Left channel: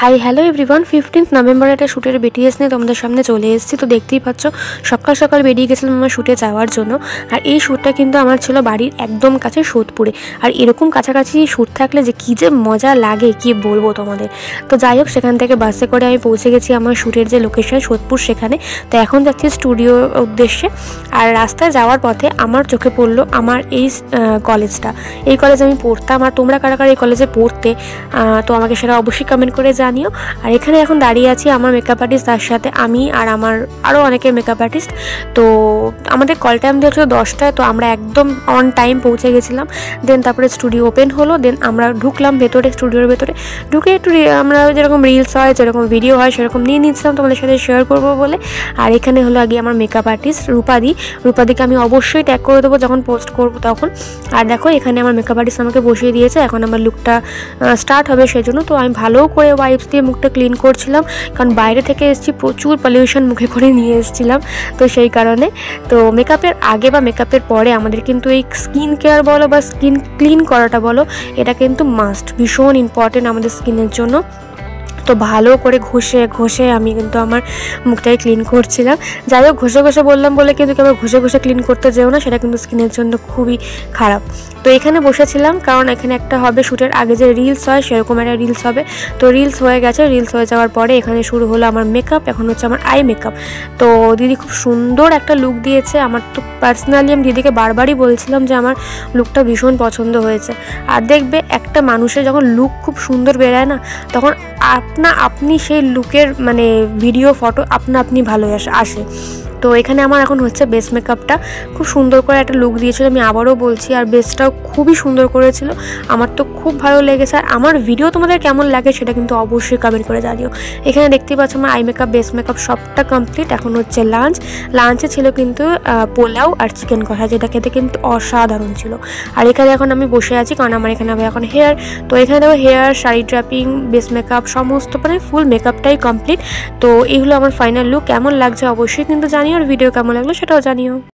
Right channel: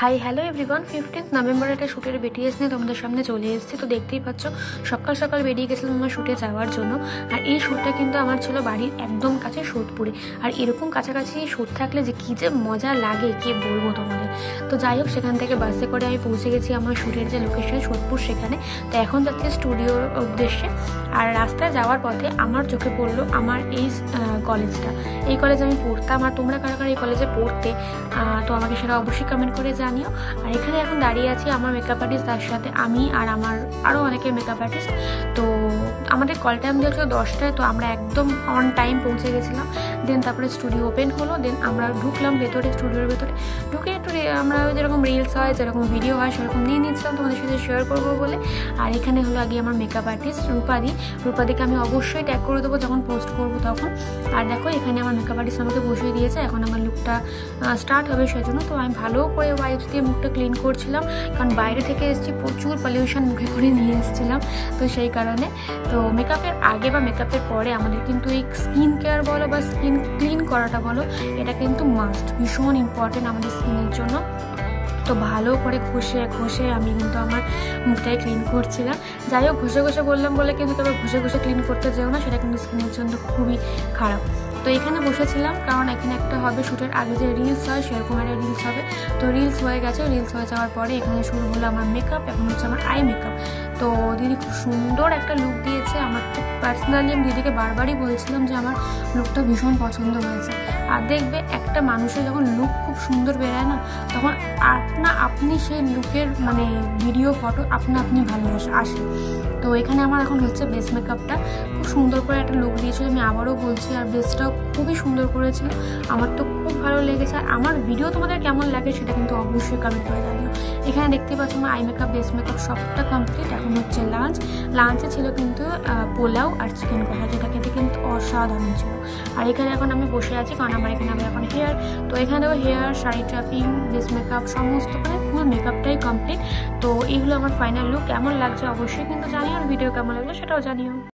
Hi hello everyone, 15 November একটা শ্যুটের BTS নিয়ে তোমাদের সামনে চলে এসেছি। তো দেখতেই পাচ্ছ সকাল সকাল বেরিয়ে গেছিলাম আমার শ্যুটে যাওয়ার জন্য। আর এই শ্যুটটা কিন্তু আমার ছিল বাড়ির একদম কাছে সোদপুরে। আর এরকম কাছাকাছি শ্যুট থাকলে যে কী যে মজা লাগে কি বলবো তোমাদের। তো যাই হোক, সেখান থেকে বাসে করে আমি পৌঁছে গেছি আমার শ্যুটের যে লোকেশন সোদপুর সেখানে। তো এখন যাচ্ছি স্টুডিওর উদ্দেশ্যে। আর রাস্তায় যাওয়ার পথে আমার চোখে পড়লো আমার এই কলেজটা। এই কলেজে আমি পড়তাম। আর তোমরা কারা কারা এই কলেজে পড়তে তো আমাকে সেটা অবশ্যই কমেন্ট করে জানিও। আর এখানে এখন দাঁড়িয়ে আছি আমার মেকআপ আর্টিস্ট, তার সাথে আমি আর আমার আরও অনেকে মেকআপ আর্টিস্ট। তো আমাদের কল টাইম দিয়েছিল 10টায়, তো আমরা একদম অন টাইম পৌঁছে গেছিলাম। দেন তারপরে স্টুডিও ওপেন হলো, দেন আমরা ঢুকলাম ভেতরে। স্টুডিওর ভেতরে ঢুকে একটু আমরা যেরকম রিলস হয়, যেরকম ভিডিও হয় সেরকম নিয়ে নিচ্ছিলাম তোমাদের সাথে শেয়ার করবো বলে। আর এখানে হলো আগে আমার মেকআপ আর্টিস্ট রূপাদিকে আমি অবশ্যই ট্যাগ করে দেবো যখন পোস্ট করবো তখন। আর দেখো এখানে আমার মেকআপ আর্টিস্ট আমাকে বসিয়ে দিয়েছে, এখন আমার লুকটা স্টার্ট হবে সেজন্য। তো আমি ভালো করে ওয়াইপস দিয়ে মুখটা ক্লিন করছিলাম, কারণ বাইরে থেকে এসেছি, প্রচুর পলিউশন মুখে করে নিয়ে এসেছিলাম, তো সেই কারণে। তো মেকআপের আগে বা মেকআপের পরে আমাদের কিন্তু এই স্কিন কেয়ার বলো বা স্কিন ক্লিন করাটা বলো, এটা কিন্তু মাস্ট, ভীষণ ইম্পর্টেন্ট আমাদের স্কিনের জন্য। তো ভালো করে ঘষে আমি কিন্তু আমার মুখটাই ক্লিন করছিলাম। যাই হোক, ঘষে বললাম বলে কিন্তু আবার ঘষে ক্লিন করতে যেও না, সেটা কিন্তু স্কিনের জন্য খুবই খারাপ। তো এখানে বসেছিলাম কারণ এখানে একটা হবে শ্যুটের আগে যে রিলস হয় সেরকম একটা রিলস হবে। তো রিলস হয়ে গেছে, রিলস হয়ে যাওয়ার পরে এখানে শুরু হলো আমার মেকআপ। এখন হচ্ছে আমার আই মেকআপ। তো দিদি খুব সুন্দর একটা লুক দিয়েছে। আমার তো পার্সোনালি আমি দিদিকে বারবারই বলছিলাম যে আমার লুকটা ভীষণ পছন্দ হয়েছে। আর দেখবে একটা মানুষের যখন লুক খুব সুন্দর বেরোয় না, তখন আপনি সেই লুকের মানে ভিডিও ফটো আপনি ভালো আসে। তো এখানে আমার এখন হচ্ছে বেস মেকআপটা। খুব সুন্দর করে একটা লুক দিয়েছিল, আমি আবারও বলছি। আর বেসটাও খুবই সুন্দর করেছিল, আমার তো খুব ভালো লেগেছে। আর আমার ভিডিও তোমাদের কেমন লাগে সেটা কিন্তু অবশ্যই কমেন্ট করে জানিও। এখানে দেখতে পাচ্ছ আমার আই মেকআপ বেস মেকআপ সবটা কমপ্লিট। এখন হচ্ছে লাঞ্চে ছিল কিন্তু পোলাও আর চিকেন কষা, যেটা খেতে কিন্তু অসাধারণ ছিল। আর এখানে এখন আমি বসে আছি কারণ আমার এখানে হবে এখন হেয়ার। তো এখানে দেখো hair, sari draping, base makeup সমস্ত মানে ফুল মেকআপটাই কমপ্লিট। তো এইগুলো আমার ফাইনাল লুক। কেমন লাগছে অবশ্যই কিন্তু জানিও, আর ভিডিও কেমন লাগলো সেটাও জানিও।